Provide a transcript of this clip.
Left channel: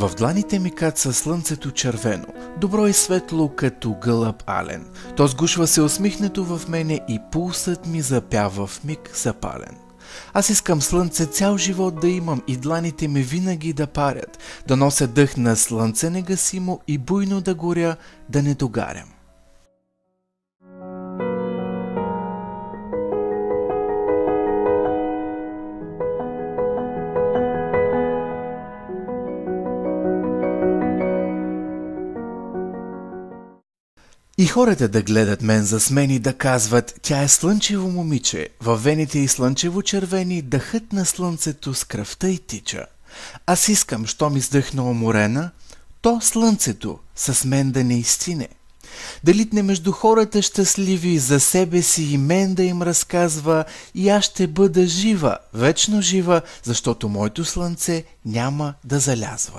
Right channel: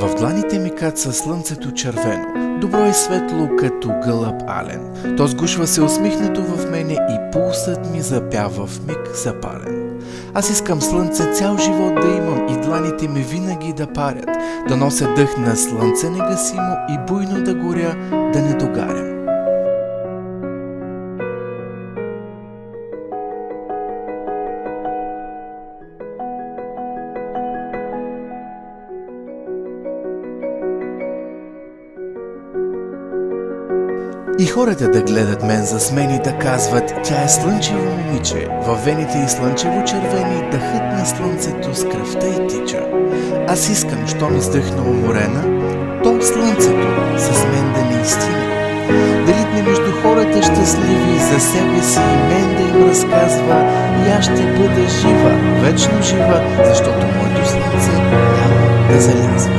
В дланите ми каца слънцето червено, добро и светло като гълъб ален. То сгушва се усмихнето в мене и пулсът ми запява в миг запален. Аз искам слънце цял живот да имам и дланите ми винаги да парят, да нося дъх на слънце негасимо и буйно да горя, да не догарям. И хората да гледат мен засмени, да казват: тя е слънчево момиче, във вените и слънчево червени, дъхът на слънцето с кръвта й тича. Аз искам, щом издъхна уморена, то слънцето с мен да не изтине. Да литне между хората щастливи, за себе си и мен да им разказва, и аз ще бъда жива, вечно жива, защото моето слънце няма да залязва.